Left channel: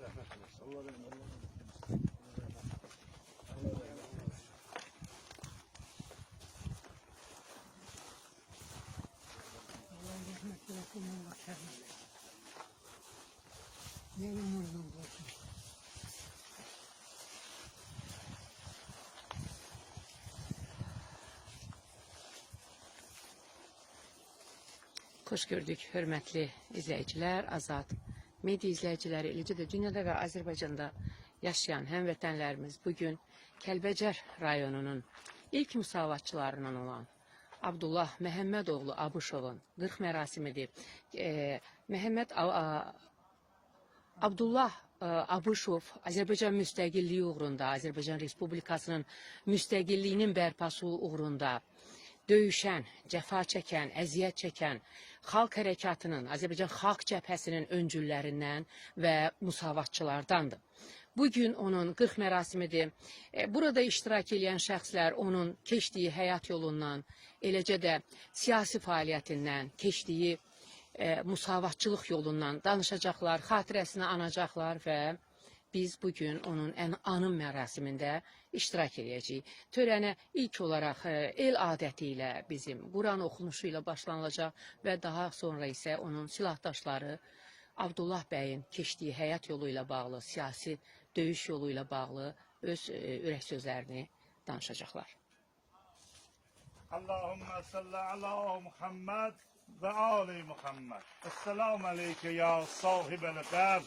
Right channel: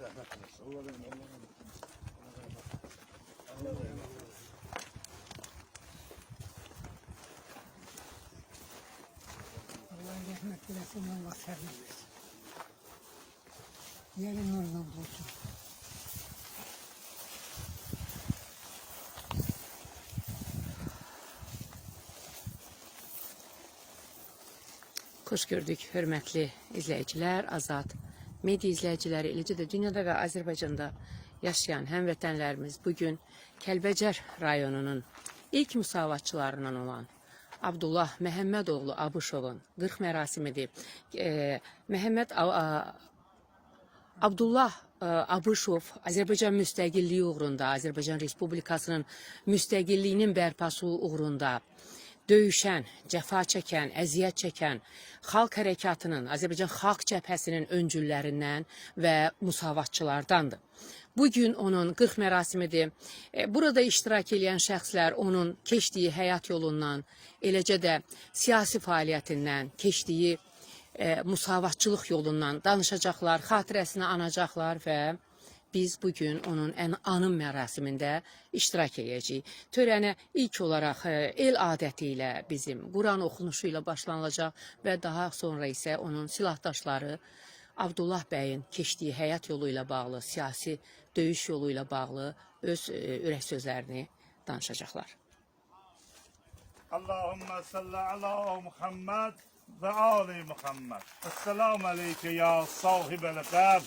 rahmet eylesin. Allah rahmet eylesin. Allah rahmet eylesin. Allah sabır versin. Yerin nurdan olsun. Xoş gördük, hörmətli izləyicilər, Azad media izləyiciləri, eləcə də dünyada və Azərbaycanda yaşayan həmvətənlərimiz bugün Kəlbəcər rayonunun ilk müsavatçılarından olan Abdullah Məhəmmədoğlu Abışovun 40 mərasimidir. Abdullah Abışov Azərbaycan müstəqilliyi uğrunda, Azərbaycan Respublikasının müstəqilliyinin bərpası uğrunda döyüşən, cəfa çəkən, əziyyət çəkən xalq hərəkatının, Azərbaycan Xalq Cəbhəsinin öncüllərindən və müsavatçılardandır. Bugün onun 40 mərasimidir. Burada iştirak edən şəxslər onun keçdiyi həyat yolundan, eləcə də siyasi fəaliyyətindən, keçdiyi müsavatçılıq yolundan danışacaqlar, xatirəsini anacaqlar və biz bugün onun anım mərasimində iştirak edəcəyik. Törənə ilk olaraq el adəti ilə bizim Quran oxunuşu ilə başlanılacaq və daha sonra isə onun silahdaşları Abdullah bəyin keçdiyi həyat yolu ilə bağlı, siyasi döyüş yolu ilə bağlı öz ürək sözlərini danışacaqlar. Allahümme salli ala Muhammed ve ali Muhammed. Esselamu aleyke ya sahibel gab.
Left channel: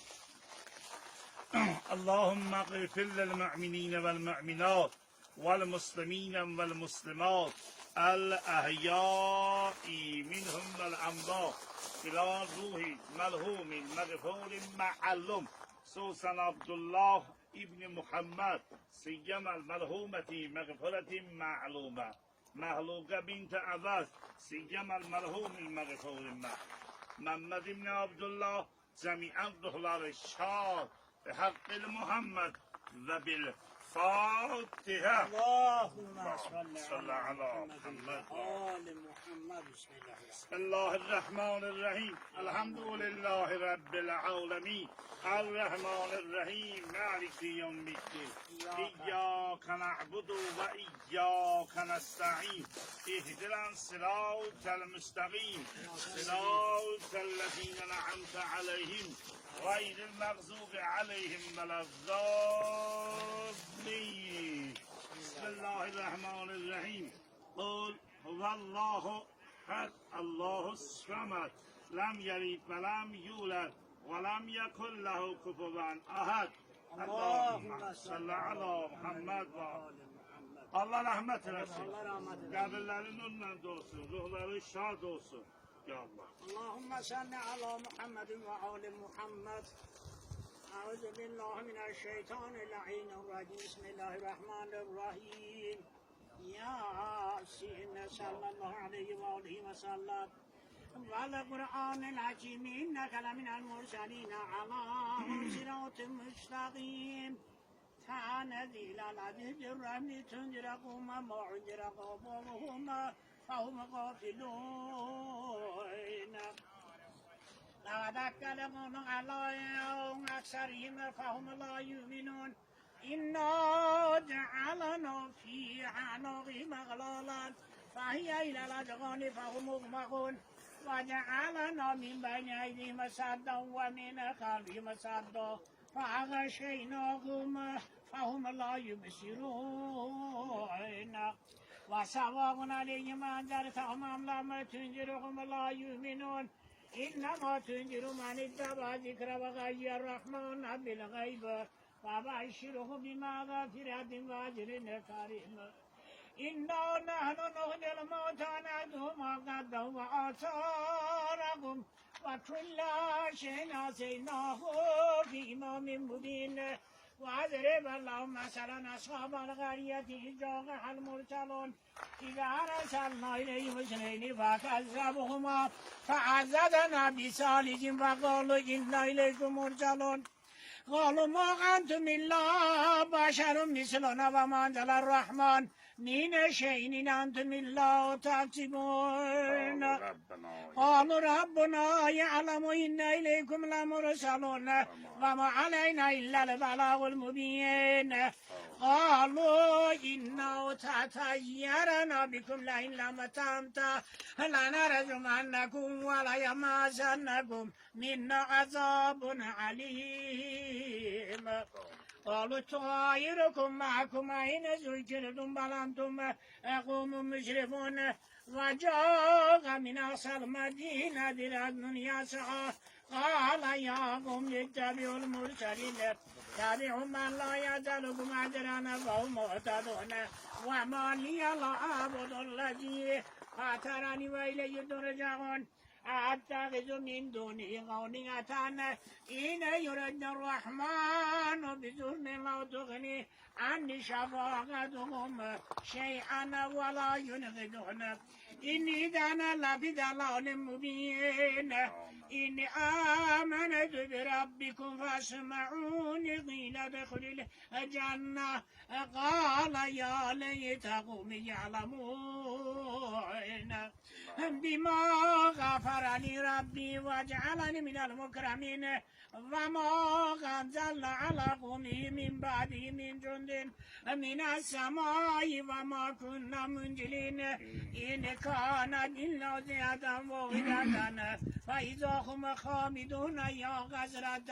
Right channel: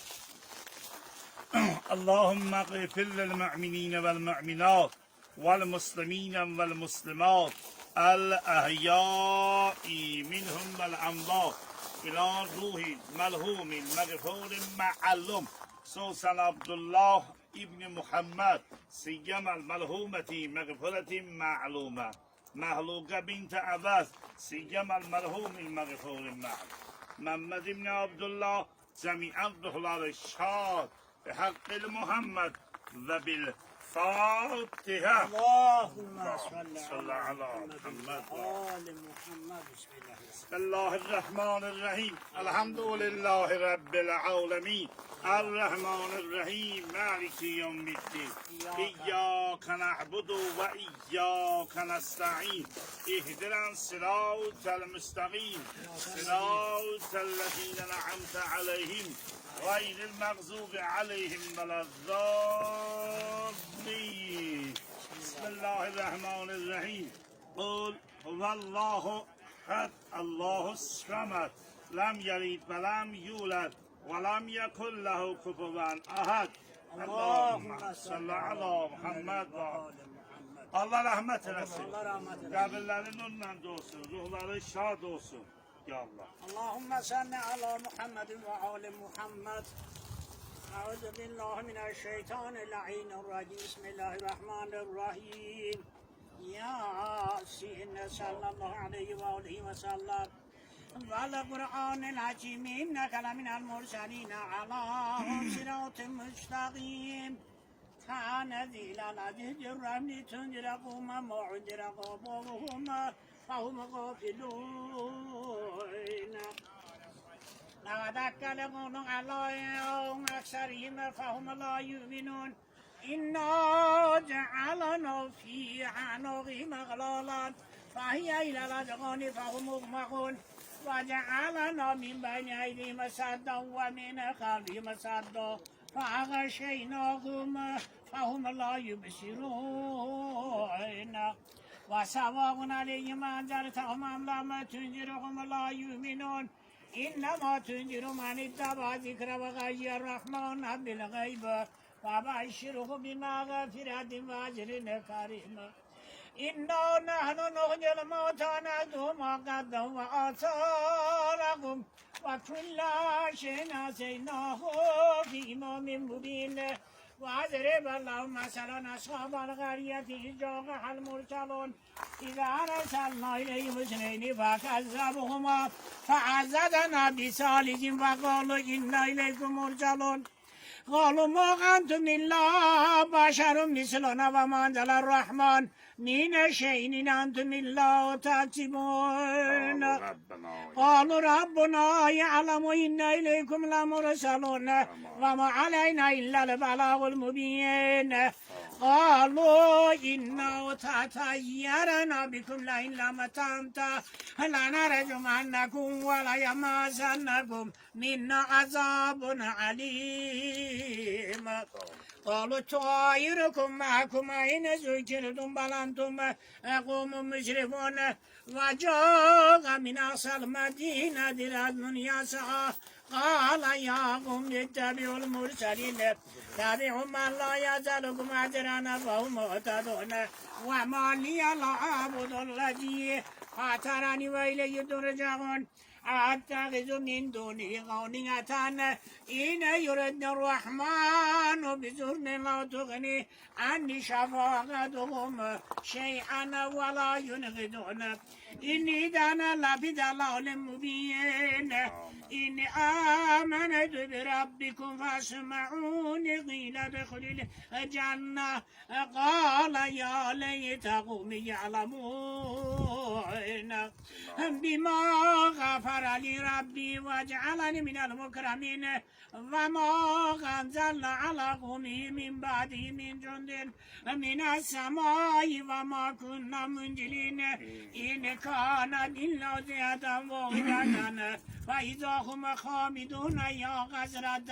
اللهم اغفر للمؤمنين والمؤمنات والمسلمين والمسلمات الأحياء منهم والأموات إلى روح ملهوم مغفور معلوم خصوصا عبد الله ابن محمد سيما الملهومة مغفرة معلومة مهلوكة بنت عباس سيما الملهوم المغفور معلوم محمد بن عبد الله جميع الدخلال الشهاد بحق محمد وبالفاتحة. اللهم صل على محمد آل محمد. بسم الله الرحمن الرحيم الحمد لله رب العالمين الرحمن الرحيم مالك يوم الدين إياك نعبد وإياك نستعين اهدنا الصراط المستقيم صراط الذين أنعمت عليهم غير المغضوب عليهم ولا الضالين. بسم الله الرحمن الرحيم قل هو الله أحد الله الصمد لم يلد ولم يولد ولم يكن له كفوا أحد. اللهم صل على محمد. Allah rahmet eylesin. Allah rahmet eylesin. Kabirlerin nurla dolsun, ruhları şad olsun. Ya Allah. اللهم صل على محمد وآل محمد. أعوذ بالله من الشيطان اللعين الرجيم. بسم الله الرحمن الرحيم. يا سيدنا صلى الله عليه وآله وسلم والقرآن الحكيم إنك لمن المرسلين على صراط مستقيم. تنزيل العزيز الرحيم تنذر قوما ما أنذر قومهم فهم غافلون. لقد أكلهم على أكثرهم فهم لا يؤمنون. إنا جعلنا في عنقهم أغلالا فهي إلى الأذقان فهم مغمقون. وجعلنا من بين أيديهم سدا ومن خلفهم سدا فأغشيناهم فهم لا يبصرون. وسواء عليهم أنذرتهم أم لم تنذرهم لا يؤمنون. إنما تنذر من اتبع ذكر وغي الرحمن بالغيب وبشره بمغفرة وأجر كريم. إنا نحن نحيي الموتى نذو ما قدموا وآثارهم وكل شيء نسيناه في إمام مبين. واضرب اللهم مثلا أصحاب القرية إذ جاءها المرسلون إذا أرسلنا إليهم اثنين فكذبوهما فعززنا بثالث وقالوا إنا إليكم مرسلون. قالوا ما أنتم إلا بشر مثلنا وما أنزل الرحمن من شيء إن أنتم إلا تكسبون قالوا ربنا يعلم إنا إليكم لمرسلون وما علينا إلا البلاغ المبين قالوا إنا تطيرنا بكم لئن لم تنتهوا لنرجمنكم وليمسنكم منا عذاب عليم قالوا طائركم معكم أين ذكرتم بل أنتم قوم مسرفون وجاء من أقصى المدينة رجل يسعى قال يا قوم اتبعوا المرسلين تابعوا من لا يسألكم أجرا فهم مهتدون وما لي لا أعبد الذي فطرني وإليه ترجعون أتخذ من دونه غنية إن يرد الرحمن بضر لا تغني عني شفاعتهم شيئا ولا ينقذون إني دانا لفي ضلال مبين إني آمنت بربكم فاسمعوني قيل ادخل الجنة قال يا ليت قومي يعلمون بما غفر لي ربي وجعلني من المكرمين وما أنزل على قومه من بعده من جند من السماء وما كنا منزلين إن كان إلا زيادة واحدة فإذا هم خامدون يا غزرة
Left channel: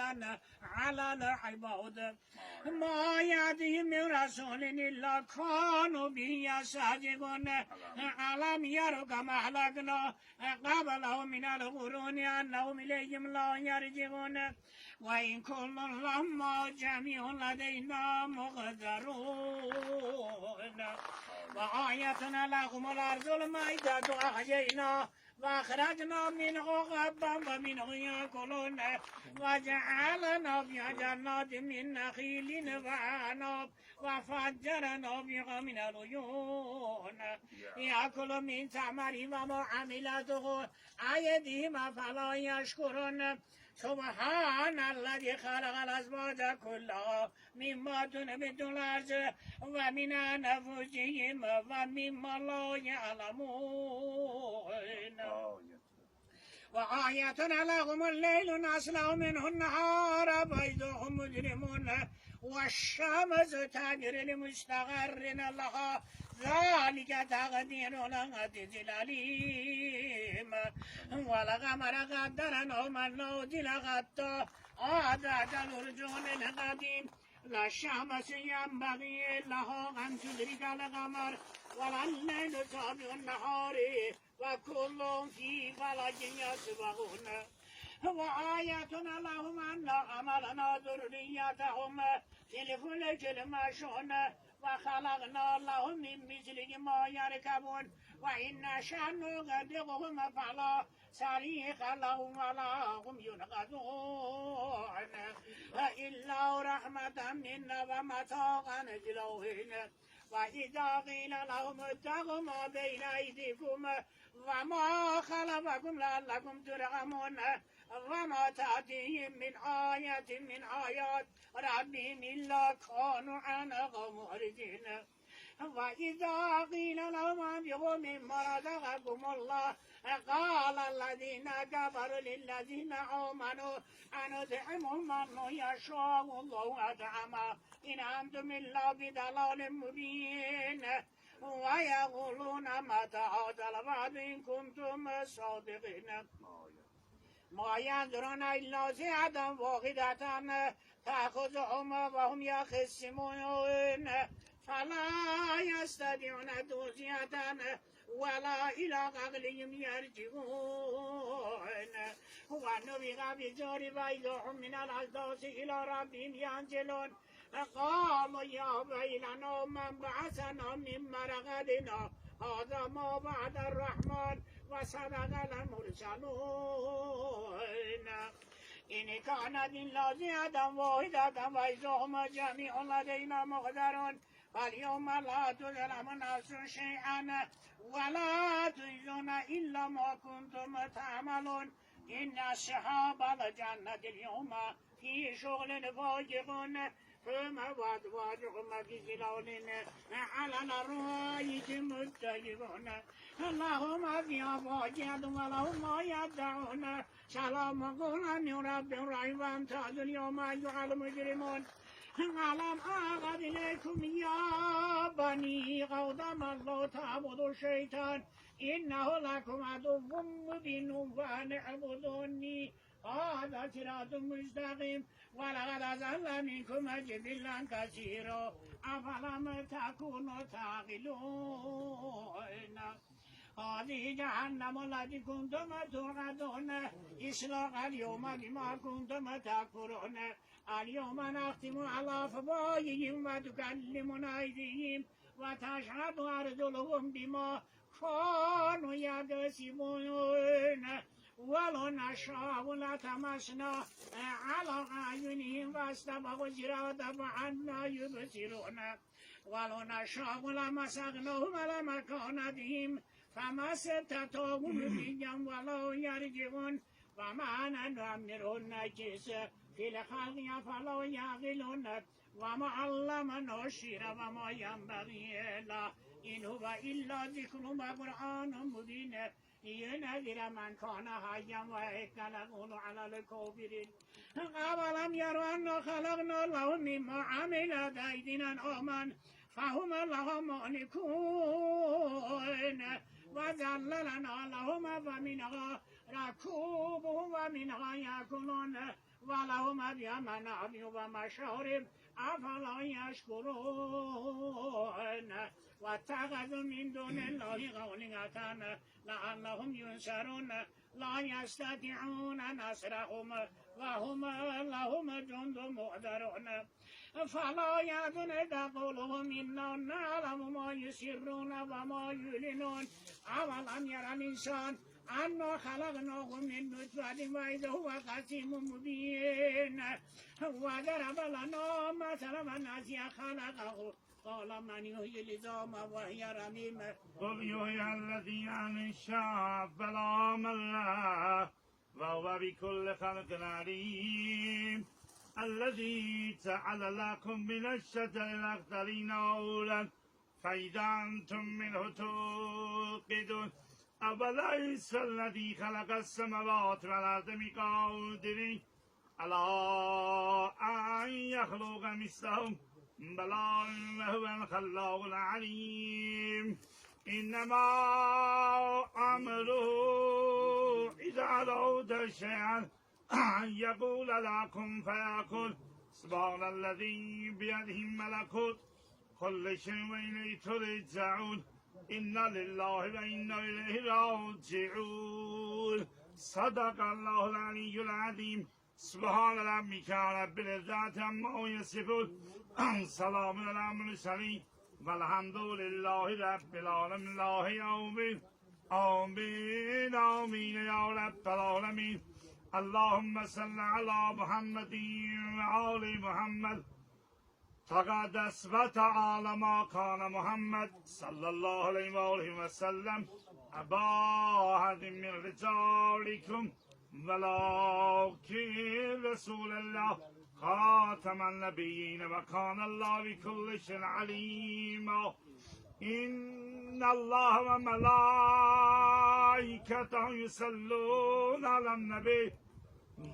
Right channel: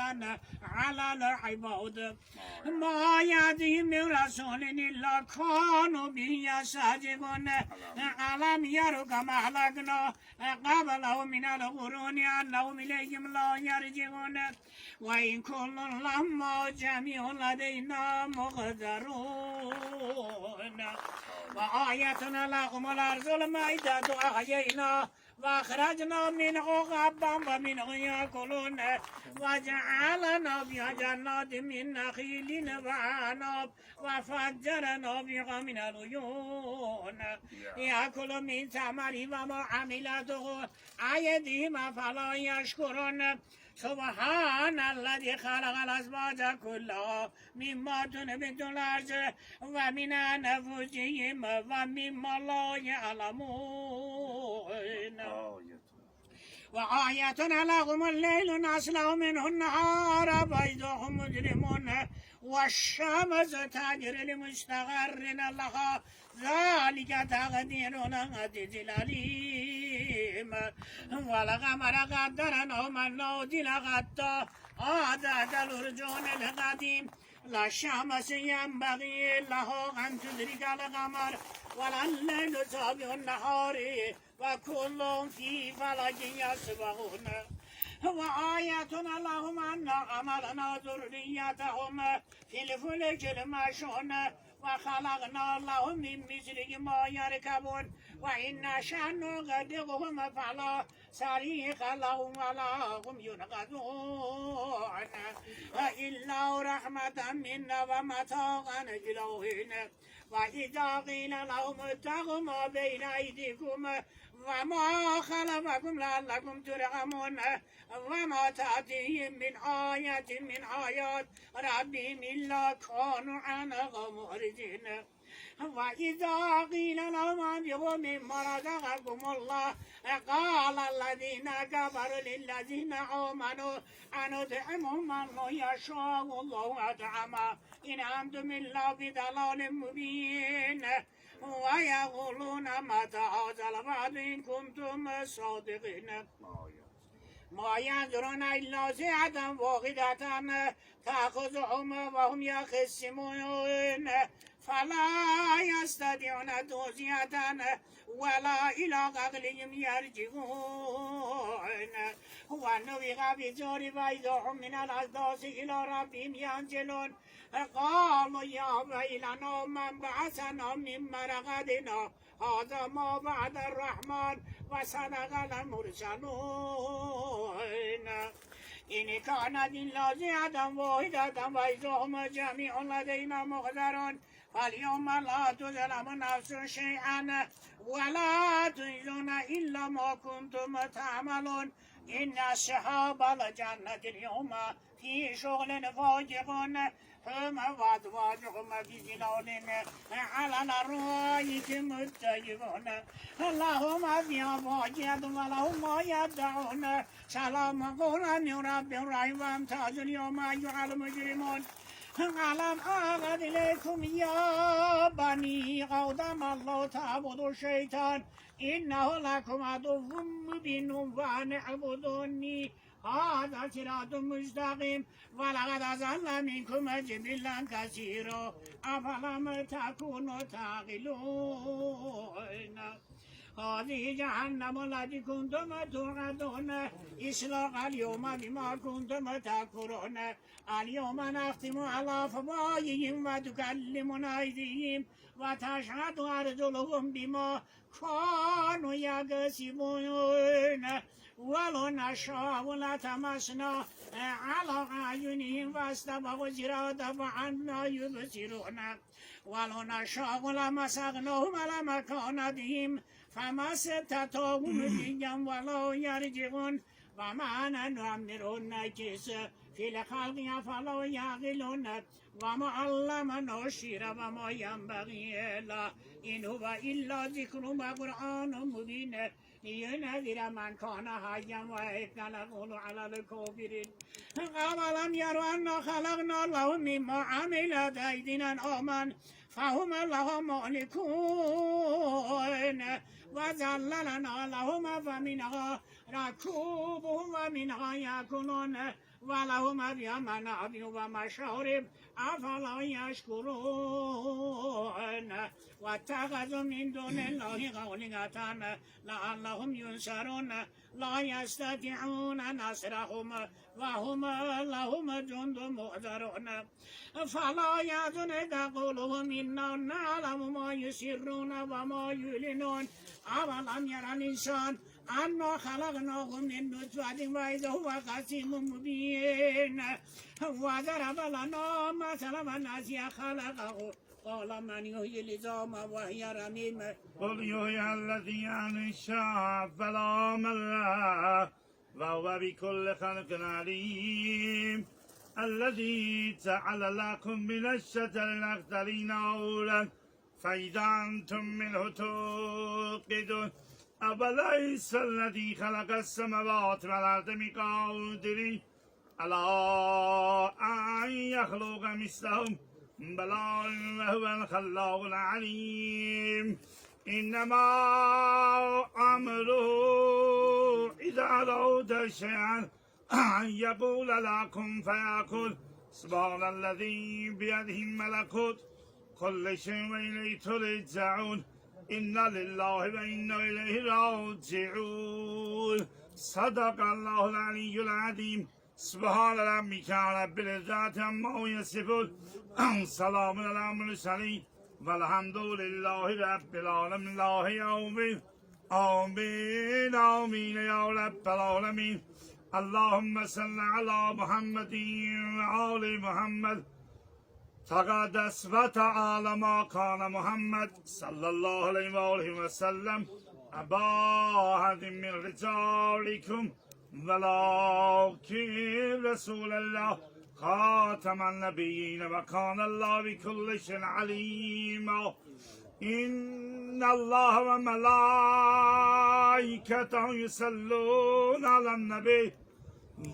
على العباد ما يأتيهم من رسول إلا كانوا به يستهزئون ألم يروا كما أهلكنا قبلهم من القرون أنهم إليهم لا يرجعون وإن كل لما جميع لدينا مقدرون وآيتنا لهم الأرض الميتة أحيينا وأخرجنا منه حبا ومنه يأكلون وجعلنا فيها جنات من نخيل وعنب وفجرنا فيها من العيون يأكل من ثمره وما عملته أيديهم فلا يشكرون سبحان الذي خلق الأزواج كلها مما تنبت الأرض ومن أنفسهم ومما لا يعلمون وآية لهم الليل نسلخ منه النهار فإذا هم مجرمون والشمس تجري لمستقر لها ذلك تقدير العزيز العليم والقمر قدرناه منازل حتى عاد كالعرجون القديم لا الشمس ينبغي له أن تدرك القمر ولا الليل سابق النهار وكل في فلك يسبحون وآياتنا لهم أن حملنا ذريتهم في الفلك المشحون وخلقنا لهم من مثله ما يركبون وإن نشأ نغرقهم فلا صريخ لهم ولا هم ينقذون إلا رحمة منا ومتاعا إلى حين وإذا قيل لهم اتقوا ما بين أيديكم وما خلفكم لعلكم ترحمون وما تأتيهم من آية من آيات ربهم إلا كانوا عنها معرضين وإذا قيل لهم أنفقوا مما رزقكم الله قال الذين كفروا للذين آمنوا أنطعم من يشاء الله أطعمه إن أنتم إلا في ضلال مبين ويقولون متى هذا الوعد إن كنتم صادقين ما ينظرون إلا ساعة واحدة تأخذهم وهم يخصمون فلا يستطيعون توصية ولا إلى عقلهم يرجعون ونفخ في الصور فإذا هم من الأجداث إلى ربهم ينزلون قالوا يا ويلنا من بعثنا من مرقدنا هذا ما بعد الرحمن وصدق المرسلون إن كانت إلا زيادة واحدة وإذا هم جميع لدينا مقدرون فاليوم لا تظلم نفس شيئا ولا تجزون إلا ما كنتم تعملون إن أصحاب الجنة اليوم في شغل فاجقون هم وأزواجهم في ظلال على الأرائك متكئون اللهم في فاجعة ولهم ما يدعون سلام قولا من رب رحيم وامتازوا اليوم أيها المجرمون ألم أعهد إليكم يا بني آدم الله تعبدوا الشيطان إنه لكم عدو مبين وأن اعبدوني هذا صراط مستقيم ولقد أضل منكم جبلا كثيرا أفلم تكونوا تعقلون هذه جهنم التي كنتم توعدون اصلاها اليوم بما كنتم تكفرون اليوم نختم على أفواههم وتكلمنا أيديهم وتشهد أرجلهم بما كانوا يكسبون ولو نشاء لطمسنا على أعينهم فاستبقوا الصراط فأنى يبصرون ولو نشاء لمسخناهم على مكانتهم فما استطاعوا مضيا ولا يرجعون وما نؤمرهم نكس في الخلق فلا يعقلون وما علمنا الشعر وما ينبغي له إن هو إلا ذكر وقرآن مبين لينذر من كان حيا ويحق القول على الكافرين أولم يروا أنا خلقنا لهم مما عملت أيدينا أنعاما فهم لها مالكون وذللنا لهم فمنها ركوبهم ومنها يأكلون ولهم فيها منافع ومشارب أفلا يشكرون واتخذوا من دون الله آلهة لعلهم ينصرون لا يستطيعون نصرهم وهم لهم جند محضرون فلا يحزنك قولهم إنا نعلم ما يسرون وما يعلنون أولم يرى الإنسان أنا خلقناه من نطفة وإذا هو خصيم مبين وضرب لنا مثلا ونسي خلقه قال من يحيي العظام وهي رميم قل يحيي الذي أنشأها فلا مره وهو بكل خلق عليم الذي جعل لكم من الشجر الأخضر نورا فإذا أنتم منه توقدون أوليس الذي خلق السماوات والأرض بقادر على أن يخلق مثلهم بلى وهو الخلاق العليم إنما أمره إذا أراد شيئا أن يقول لكم فيكون سبحان الذي بيده ملكوت كل شيء وإليه ترجعون إنا لله وإنا إليه راجعون صدق الله العلي العظيم سبحان ربك رب العزة عما يصفون سلام على المرسلين والحمد لله رب العالمين لا يوم آمين آمين يا رب العالمين اللهم صل على محمد وآل محمد تقدس وتعالى ما كان محمد صلى الله عليه وآله وسلم أبا أحد من رجالكم ولكن رسول الله خاتم النبيين وكان الله بكل شيء عليما إن الله وملائكته يصلون على النبي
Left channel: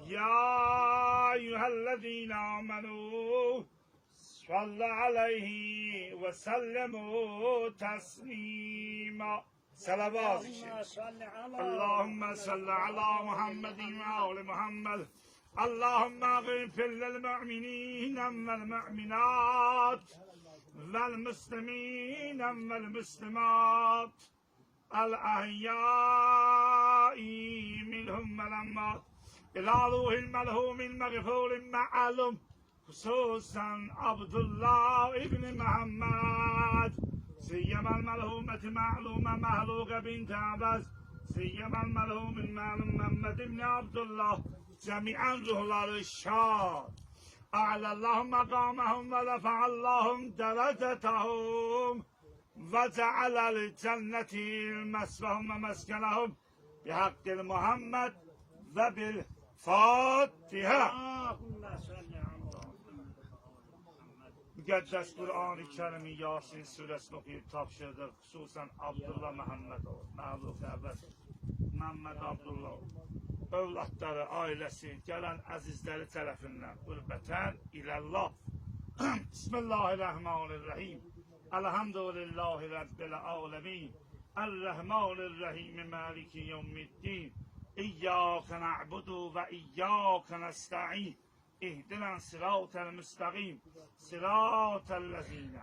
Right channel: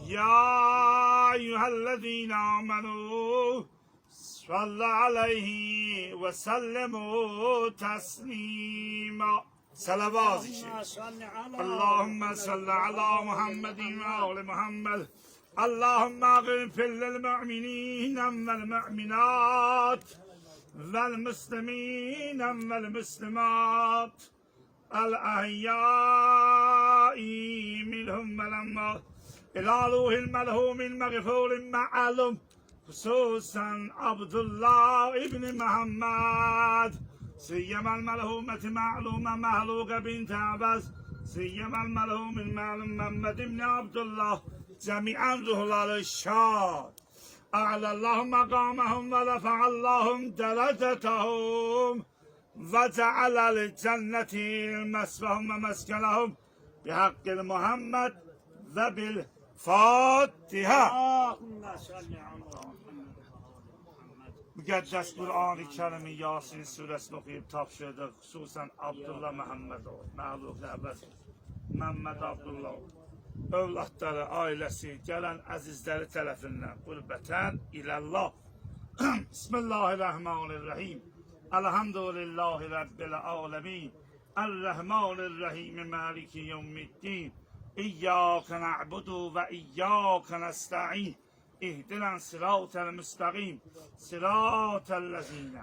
يا أيها الذين آمنوا صلوا عليه وسلموا تسليما صلوات اللهم صل على محمد وآل محمد اللهم اغفر للمؤمنين والمؤمنات والمسلمين والمسلمات الأحياء منهم والأموات إلى روح المرحوم المغفور معلوم خصوصا عبد الله ابن محمد سيما المرحومة معلومة مهلوكة بنت عباس سيما المرحوم المعلوم محمد بن عبد الله جميعا ظهر الشام أعلى الله مقامهم ورفع اللهم درجتهم وجعل الجنة مسواهم ومسكنهم بحق محمد وبالفضل Fatiha. Allahümme salli ala Muhammed. Müqəddəs Qur'an-ı Kərimi Yasin surəsini oxuyub tapşırdıq. Xüsusən Abdullah Məhəmmədov, Məhluf Nəvəz, Məmməd Abdullah, övladları, ailəsi, gələn əzizləri tərəfindən qürbətən iləllah. Bismillahirrahmanirrahim. Elhamdülillahi Rabbil alemin. Errahmanirrahim. Maliki yevmiddin. İyyâke na'budu ve iyyâke nesta'in. İhdina sıratel müstakîm. Sıratellezîne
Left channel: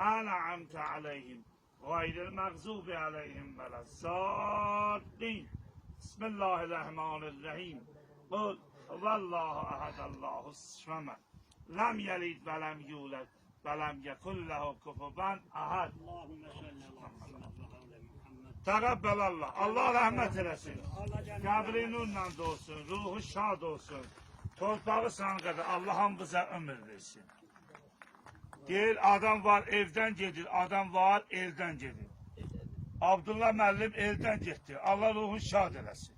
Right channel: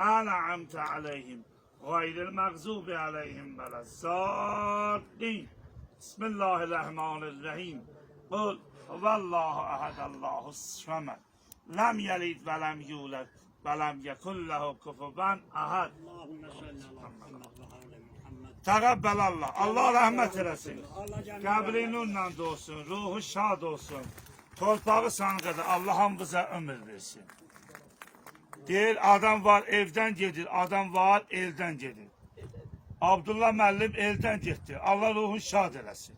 en'amte aleyhim. Gayril mağzubi aleyhim velezzâllîn. Bismillahirrahmanirrahim. Kul huvallahu ehad Allahus samed. Lem yelid ve lem yulad ve lem yekun lehu kufuven ahad. Allahümme salli ala Muhammed ve ala Muhammed. Tekabbelallah. Allah rahmet eylesin. Allah canına Kabri nurla dolsun, ruhu şad olsun. Torpağı sanqada Allah hamımıza ömür versin. Deyir adam var evden gedir, adam var elden gedir. Abdullah müəllim elden getdi. Allah ruhunu şad eləsin.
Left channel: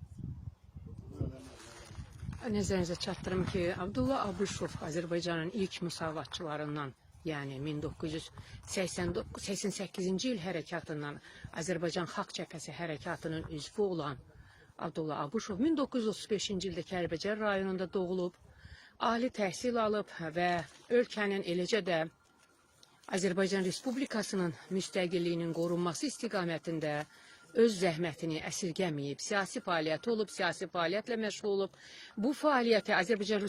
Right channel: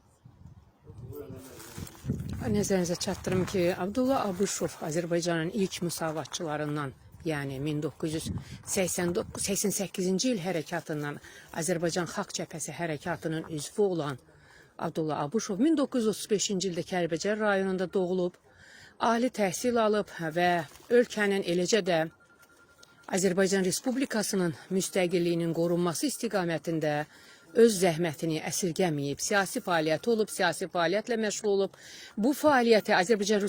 Nəzərinizə çatdırım ki, Abdullah Abışov Azərbaycanın ilk müsavatçılarından, yəni 1988-ci il hərəkatından Azərbaycan Xalq Cəbhəsi hərəkatının üzvü olan Abdullah Abışov 1935-ci ildə Kəlbəcər rayonunda doğulub, ali təhsil alıb və ölkənin eləcə də Azərbaycan Respublikasının müstəqilliyinin qorunması istiqamətində öz zəhmətini əsirgəməyib, siyasi fəaliyyəti olub, siyasi fəaliyyətlə məşğul olub. Bu fəaliyyəti Azərbaycan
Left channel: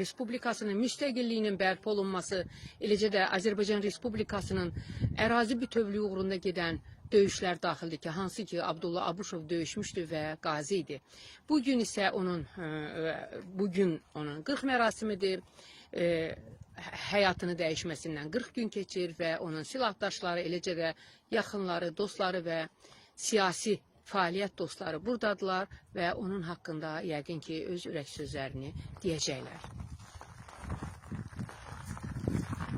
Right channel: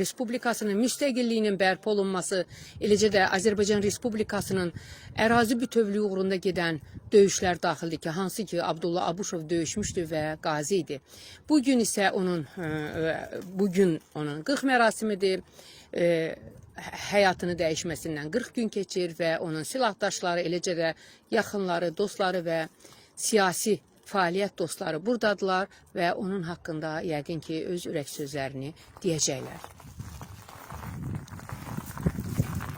Respublikasının müstəqilliyinin bərpa olunması, eləcə də Azərbaycan Respublikasının ərazi bütövlüyü uğrunda gedən döyüşlər daxildir ki, hansı ki Abdullah Abışov döyüşmüşdü və qazi idi. Bugün isə onun 40 mərasimidir. Həyatını dəyişməsindən 40 gün keçir və onun silahdaşları, eləcə də yaxınları, dostları və siyasi fəaliyyət dostları buradadılar və onun haqqında yəqin ki öz ürək sözlərini deyəcəklər.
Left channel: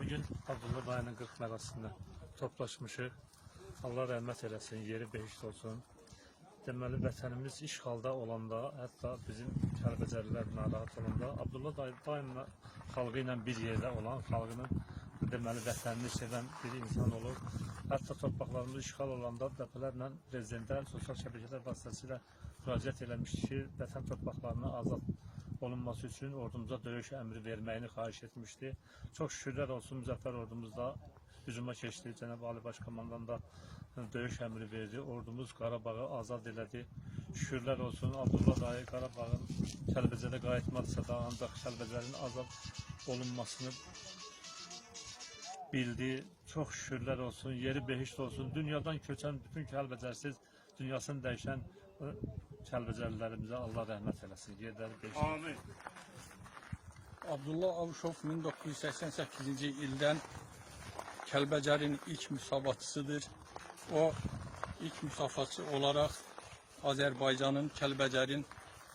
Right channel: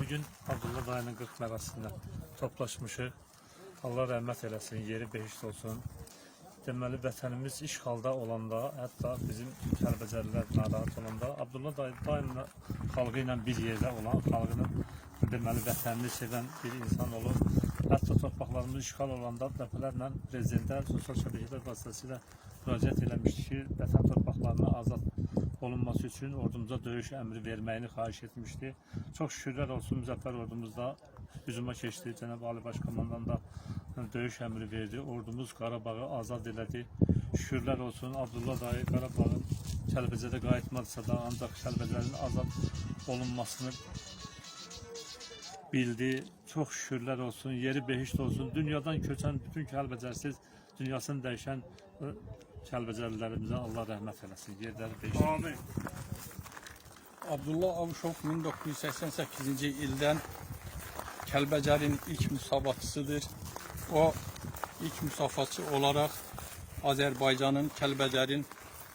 Bugün Abdullah dayının 40 mərasında toplaşmışıq. Allah rəhmət eləsin, yeri behişt olsun. Deməli, vətənimiz işğalda olanda, hətta bizim Kəlbəcərlər narahat olanda, Abdullah dayı daimlə xalqı ilə bir yerdə olan, xalqını deməli, vətənini sevən bir insan olur. Hətta torpaqlarımız işğal olanda dəfələrlə prezidentə sosial şəbəkələr vasitəsilə müraciət eləmişdi ki, vətən torpaqlarına azad olunması üçün ordumuza döyüş əmri verməyini xahiş etmişdi. Çox şükürlər olsun, müzəffər ordumuzda hücuma keçdi. Cənab Ali Başkomandan da döyüş əmri verdi. Ordumuz Qarabağı azad elədi. Şükürlər olsun, Abdullah dayı Qarabağı Kəlbəcərə qayıtmadıysa da ancaq Kəlbəcərin azad olunmasını bildi. Çox şükürlər olsun, yeri behişt olsun. Dünyadan köçən bütün Kəlbəcərsiz, dünyasını dəyişən Kəlbəcərlilərimizə Allah rəhmət eləsin. Yerləri behişt. Amin. Abdullah Abışov 1988-ci ildən Kəlbəcərin ilk müsavatçısıdır. O ilk müsavatçı olaraq Azərbaycanın Kəlbəcərin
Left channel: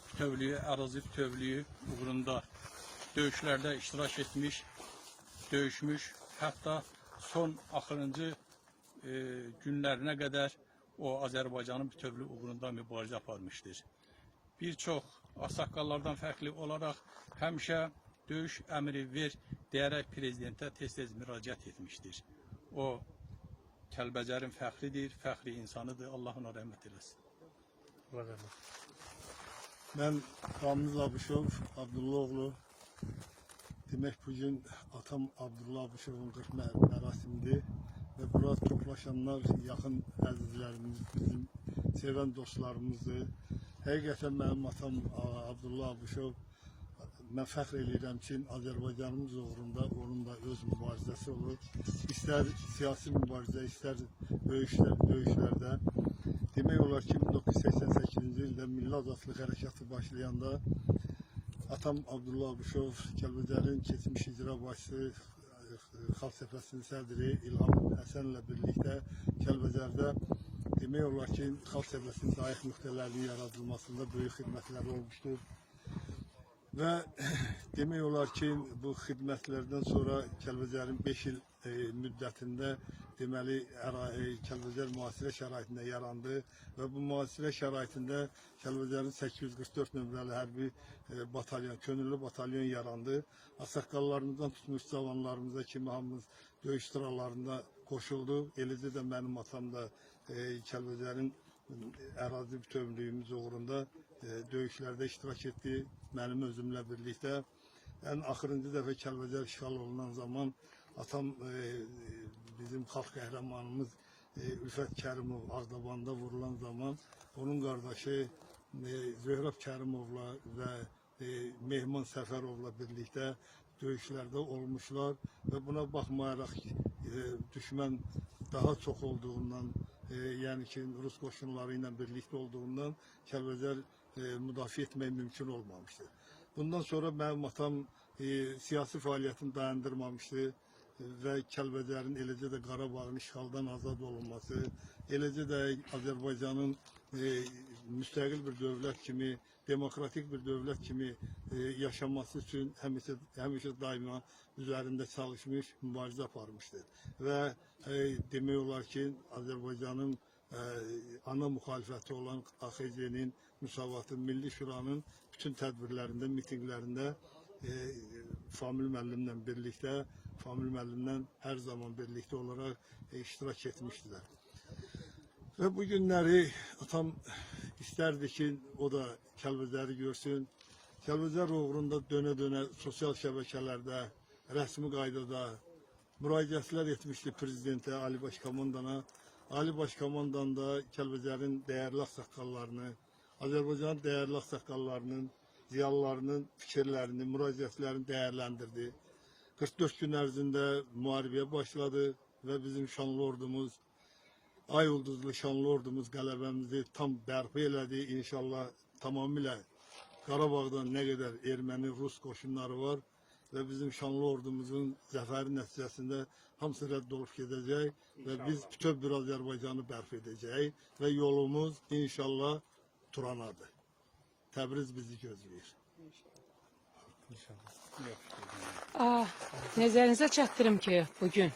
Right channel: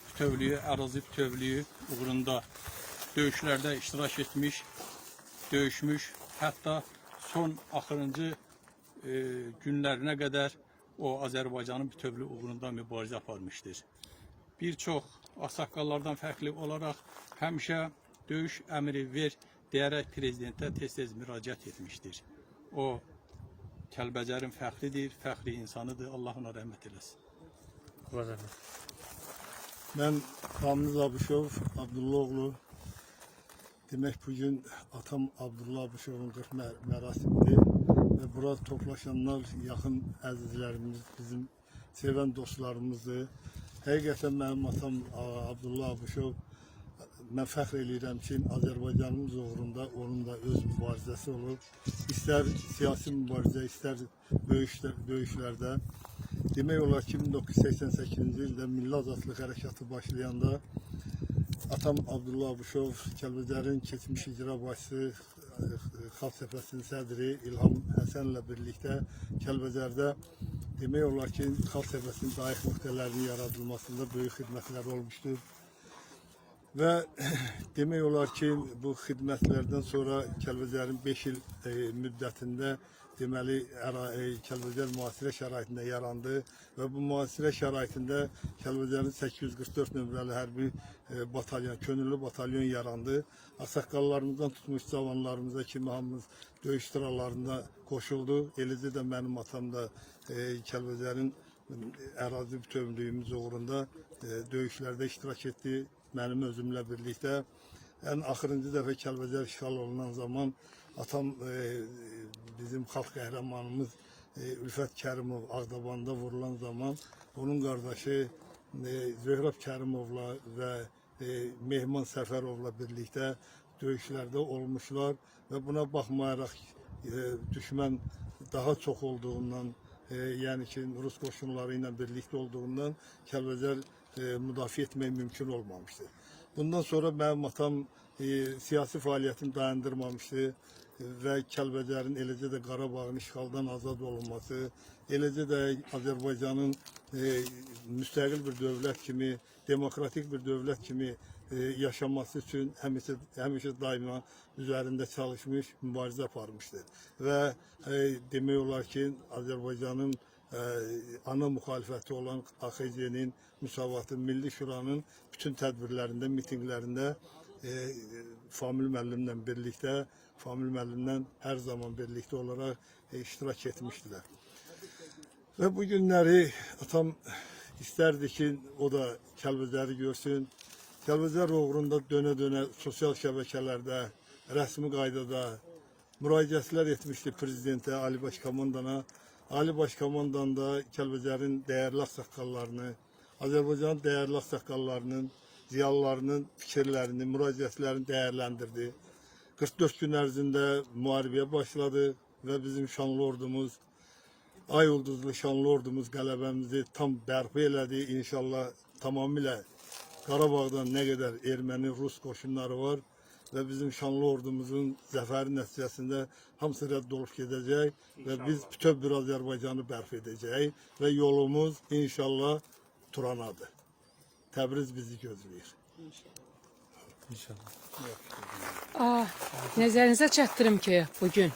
bütövlüyü, ərazi bütövlüyü uğrunda döyüşlərdə iştirak etmiş, döyüşmüş. Hətta son axırıncı günlərinə qədər o Azərbaycanın bütövlüyü uğrunda mübarizə aparmışdır. Bir çox ağsaqqallardan fərqli olaraq həmişə döyüş əmri ver deyərək prezidentə tez-tez müraciət etmişdir. O Kəlbəcərin fəxridir, fəxri insanıdır. Allah ona rəhmət eləsin. Allah rəhmət. Ben Ramiz Abışov, Abdullah oğlu. Demek bugün atam Abdullah Abışov'un 40 mərasimidir. Ve burada toplaşanlar yakın əzizlərimiz, bizim seven dostlarımızdır. Həqiqətən mənim atam Abdullah Abışov, mən fəxr edirəm ki, Azərbaycanımız uğrunda onun da öz mübarizəsi olur. İstər siyasi mübarizə, istər döyüşlərdə. Demək olar ki, 1988-ci ildə Milli Azadlıq Hərəkatı başlayanda atam Abdullah Abışov, Kəlbəcərin keçmiş icra başçısı, Xalq Cəbhəsinin sədri İlham Həsənlə birlikdə Kəlbəcərdə demək olar ki, Xalq Cəbhəsinin zayıf nöqtələrinin yaradılmasında böyük xidmətlər olmuşdur. Və demək olar ki, bu xidmətlərdən sonra Kəlbəcərin 5 il müddətində deməli Kəlbəcər müasirə şəraitində yarandı və bu müasirə şəraitində Kəlbəcərin 844 nömrəli hərbi batalyon, könüllü batalyon yarandı. Ağsaqqallarımızdan tutmuş cavanlarımıza kimi hamımız döyüş sıralarında qoşuldu. Eləcə də mənim atam da Kəlbəcərin ərazi bütövlüyümüz uğrunda döyüşlərdə iştirak etdi. Mənim özümlə birlikdə. Ən axırıncı dəfə Kəlbəcər işğal olunan zaman atam bizim xalq qəhrəmanımız Ülfət Kərimov Ağdabanda vurulan zaman onun qardaşı Zöhrəb Kərimovla və Mehman Səfərovla birlikdə döyüşlərdə olmuşlar və buna baxmayaraq düşmən daha çox olduğundan, yəni ki Rus qoşunları ilə birlikdə olduğundan Kəlbəcər müdafiə etmək mümkün olmamışdı. Bundan sonra mənim atam siyasi fəaliyyətini dayandırmamışdı və Kəlbəcərin, eləcə də Qarabağın işğaldan azad olunması, eləcə də Azərbaycanın müstəqil bir dövlət kimi, demokratik bir dövlət kimi yaşaması üçün həmişə daima üzərində çalışmış, mübarizə aparmışdır. Və demək olar ki, Azərbaycanın ana müxalifəti olan AXC-nin, Müsavatın, Milli Şuranın bütün tədbirlərində, mitinqlərində Famil müəllimlə birlikdə, Famil müəllimlə hər zaman birlikdə olaraq iştirak etmişdilər. Və bu günləri atam istərdi ki, o da Kəlbəcəri görsün. Kəlbəcər uğrunda dönə-dönə sosial şəbəkələrdə, rəsmi qaydada müraciətlər etmişdi prezidentə, Ali Başkomandana. Ali Başkomandan da Kəlbəcərin dəyərli ağsaqqallarını, Azərbaycanın dəyərli ağsaqqallarının, ziyalılarının fikirlərini, müraciətlərini dəyərləndirdi. 44 gün ərzində müharibəyə başladı və bizim şanlı ordumuz, ay ulduzlu şanlı ordumuz qələbəmizi tam bərpa elədi. İnşallah tamamilə Qarabağdan nə qədər erməni, rus qoşunları var və bizim şanlı ordumuzun zəfəri nəticəsində hamısı rədd olub gedəcək və biz bütöv bir Azərbaycanı bərpa edəcək və yolumuz inşallah Turanadır. Təbriz bizi gözləyir. İnşallah. Nəzərinizə çatdırım ki, bugün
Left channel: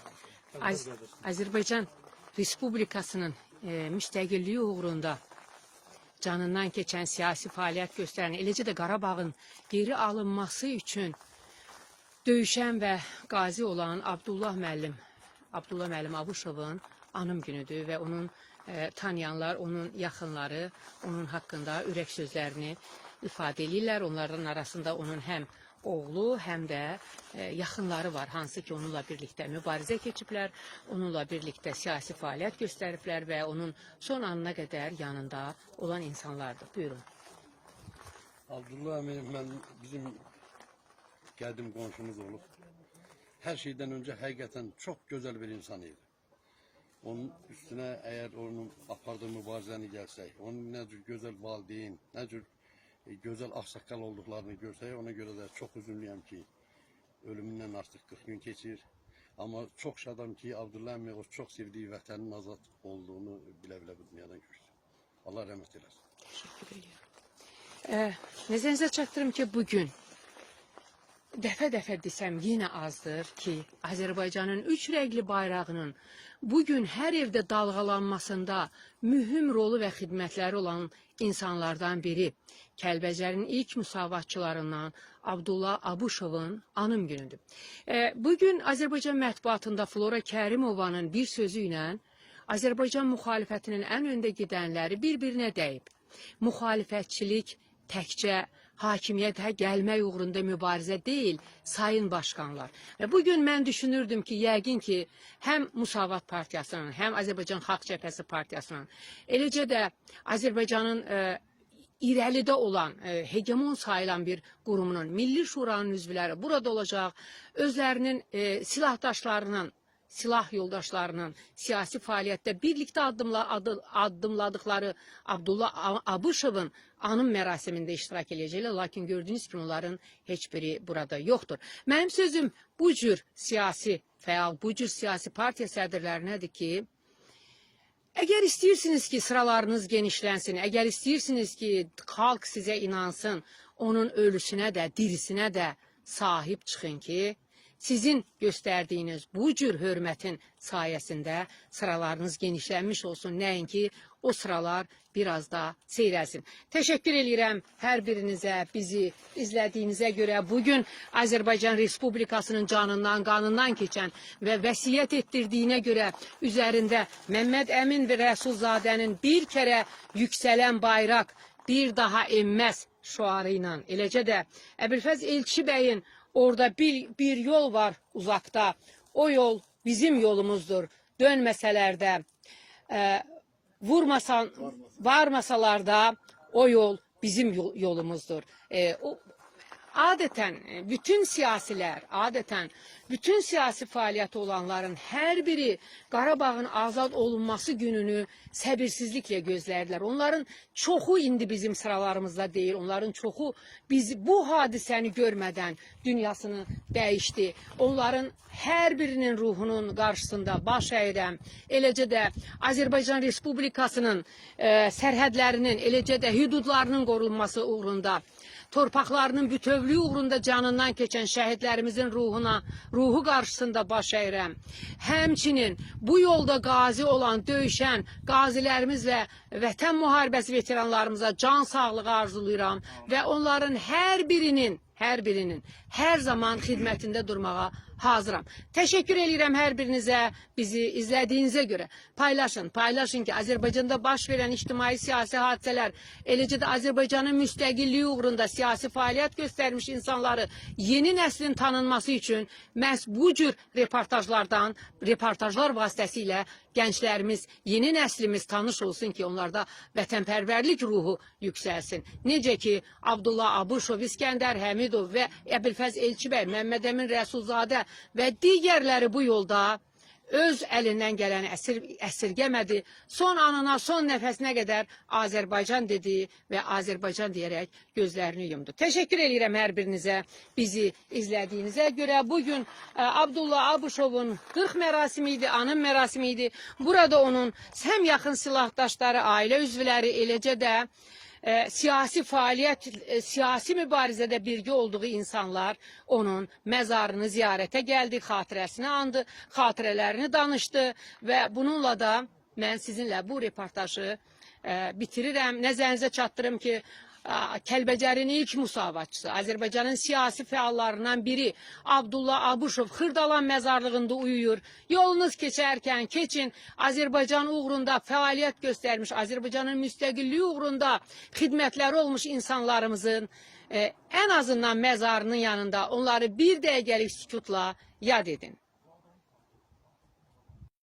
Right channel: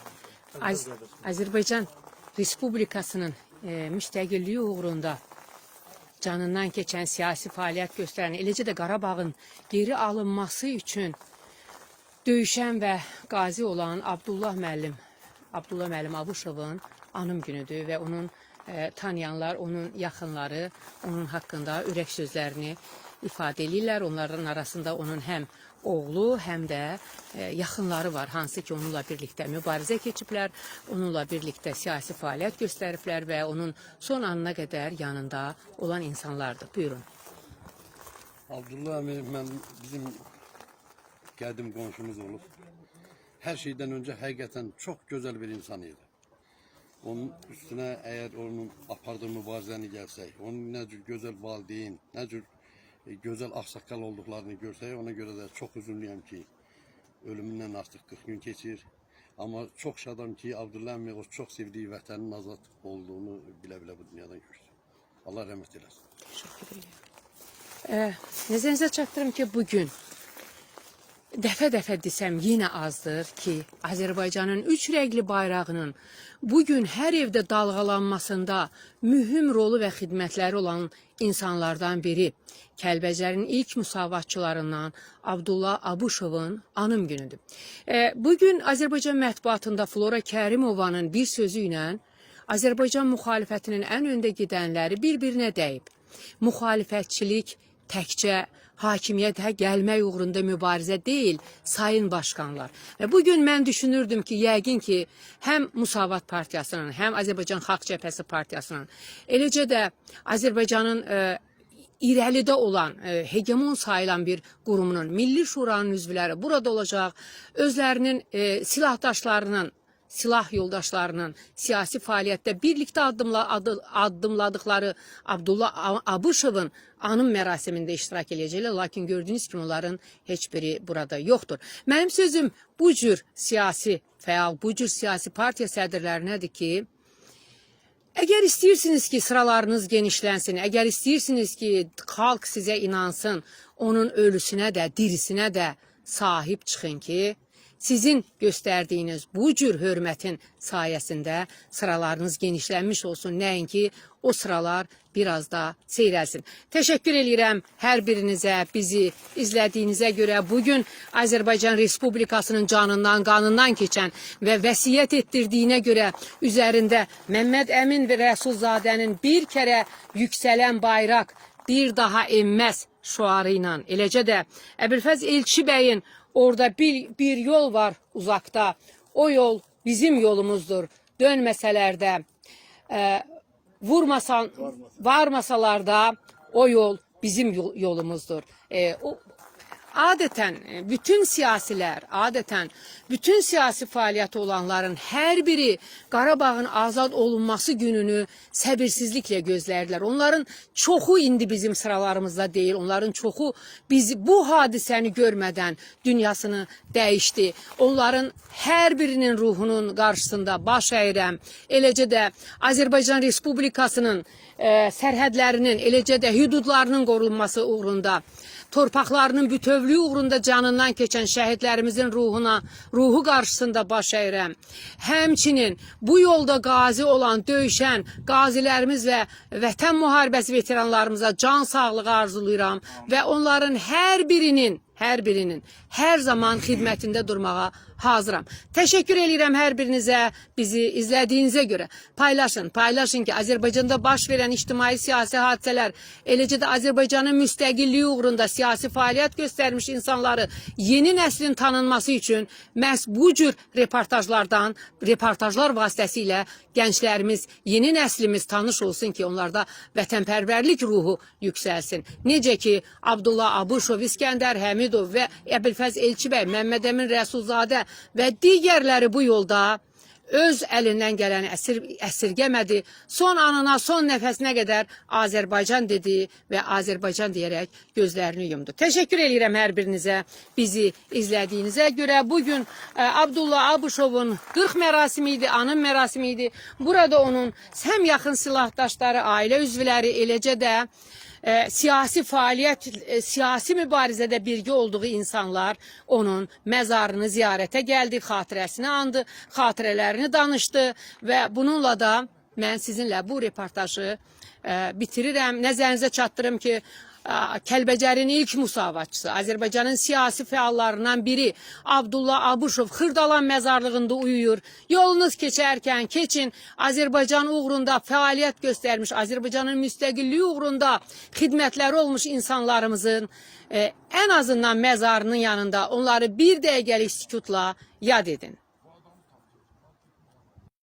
Azərbaycan Respublikasının müstəqilliyi uğrunda canından keçən siyasi fəaliyyət göstərən, eləcə də Qarabağın geri alınması üçün döyüşən və qazi olan Abdullah müəllim Abuşovun anım günüdür və onun tanıyanlar, onun yaxınları onun haqqında ürək sözlərini ifadə edirlər. Onların arasında onun həm oğlu, həm də yaxınları var, hansı ki onunla birlikdə mübarizə keçiblər, onunla birlikdə siyasi fəaliyyət göstəriblər və onun son anına qədər yanında olan insanlardır. Buyurun. Abdullah əmi bizim qədim qonşumuz olub. Hər şeydən öncə həqiqətən çox gözəl bir insan idi. Onun üstünə əgər onun apardığı mübarizəni gəlsək, onun nə cür gözəl valideyn, nə cür gözəl ağsaqqal olduqlarını görsək, ona görə də çox üzünlüyəm ki, ölümündən artıq 40 gün keçir. Amma çox şadam ki, Abdullah əmi o çox sevdiyi vətənin azad olduğunu bilə-bilə bu dünyadan görsün. Allah rəhmət eləsin. Nəzərinizə çatdırım ki, bugün dəfə-dəfə desəm yenə azdır ki, Azərbaycanın üç rəngli bayrağının bugün hər evdə dalğalanmasında mühüm rolu və xidmətləri olan insanlardan biri Kəlbəcərin ilk müsavatçılarından Abdullah Abuşovun anım günüdür. Bugün Azərbaycan mətbuatında Flora Kərimovanın bir sözü ilə Azərbaycan müxalifətinin ən öndə gedənləri bir-birinə dəyib. Müxalifətçilik təkcə hakimiyyətə gəlmək uğrunda mübarizə deyil, sayın başkanlar. Və bugün mən düşünürdüm ki, yəqin ki, həm Müsavat Partiyasının, həm Azərbaycan Xalq Cəbhəsi Partiyasının, eləcə də Azərbaycanın irəlidə olan, hegemon sayılan bir qurumunun, Milli Şuranın üzvləri burada olacaq, özlərinin silahdaşlarının, silah yoldaşlarının siyasi fəaliyyətdə birlikdə addımladıkları Abdullah Abuşovun anım mərasimində iştirak edəcəklər, lakin gördüyünüz kimi onların heç biri burada yoxdur. Mənim sözüm bu cür siyasi fəal, bu cür siyasi partiya sədrlərinədir ki, əgər istəyirsiniz ki, sıralarınız genişlənsin, əgər istəyirsiniz ki, xalq sizə inansın, onun ölüsünə də, dirisinə də sahib çıxın ki, sizin gösterdiyiniz bu cür hörmətin sayəsində sıralarınız genişlənmiş olsun. Nəinki o sıralar biraz da seyrəlsin. Təşəkkür edirəm hər birinizə, bizi izlədiyinizə görə. Bugün Azərbaycan Respublikasının canından, qanından keçən və vəsiyyət etdirdiyinə görə üzərində Məmməd Əmin və Rəsulzadənin bir kərə yüksələn bayraq bir daha enməz şuarı ilə, eləcə də Əbülfəz Elçi bəyin orada bir yol var uzaqda. O yol bizim yolumuzdur. Dönməsələr də, varmasalar da o yol bizim yolumuzdur. Adeten bütün siyasiler, bütün siyasi faaliyeti olanların her biri Qarabağın azad olunması gününü səbirsizliklə gözlerdiler. Onların çoxu indi bizim sıralarımızda değil. Onların çoxu bizi bu hadisəni görmeden dünyasını değişti. Onların her birinin ruhunun karşısında baş əyirəm. Eləcə də Azərbaycan Respublikasının sərhədlərinin, eləcə də hüdudlarının qorunması uğrunda, torpaqlarının bütövlüyü uğrunda canından keçən şəhidlərimizin ruhu qarşısında baş əyirəm. Həmçinin bu yolda qazi olan, döyüşən qazilərimiz və vətən müharibəsi veteranlarımıza can sağlığı arzulayıram və onların hər birinin hər zaman xidmətində durmağa hazıram. Təşəkkür edirəm hər birinizə, bizi izlədiyinizə görə. Paylaşın ki, Azərbaycanda baş verən ictimai siyasi hadisələr, eləcə də Azərbaycanın müstəqilliyi uğrunda siyasi fəaliyyət göstərmiş insanları yeni nəslin tanınması üçün məhz bu cür reportajlar vasitəsilə gənclərimiz, yeni nəslimiz tanış olsun ki, onlarda vətənpərvərlik ruhu yüksəlsin. Necə ki, Abdullah Abuşov, İskəndər Həmidov və Əbülfəz Elçi bəy, Məmməd Əmin Rəsulzadə və digərləri bu yolda öz əlindən gələni əsirgəmədi. Son anına, son nəfəsinə qədər Azərbaycan dedi və Azərbaycan deyərək gözlərini yumdu. Təşəkkür edirəm hər birinizə, bizi izlədiyinizə görə. Bugün Abdullah Abuşovun 40 mərasimi idi, anım mərasimi idi. Burada onun həm yaxın silahdaşları, ailə üzvləri, eləcə də siyasi fəaliyyət, siyasi mübarizədə birgə olduğu insanlar onun məzarını ziyarətə gəldi, xatirəsini andı, xatirələrini danışdı və bununla da mən sizinlə bu reportajı bitirirəm. Nəzərinizə çatdırım ki, Kəlbəcərin ilk müsavatçısı, Azərbaycanın siyasi fəallarından biri Abdullah Abuşov Xırdalan məzarlığında uyuyur. Yolunuz keçərkən keçin, Azərbaycan uğrunda fəaliyyət göstərmiş, Azərbaycanın müstəqilliyi uğrunda xidmətləri olmuş insanlarımızın ən azından məzarının yanında onları bir dəqiqəlik sükutla yad edin.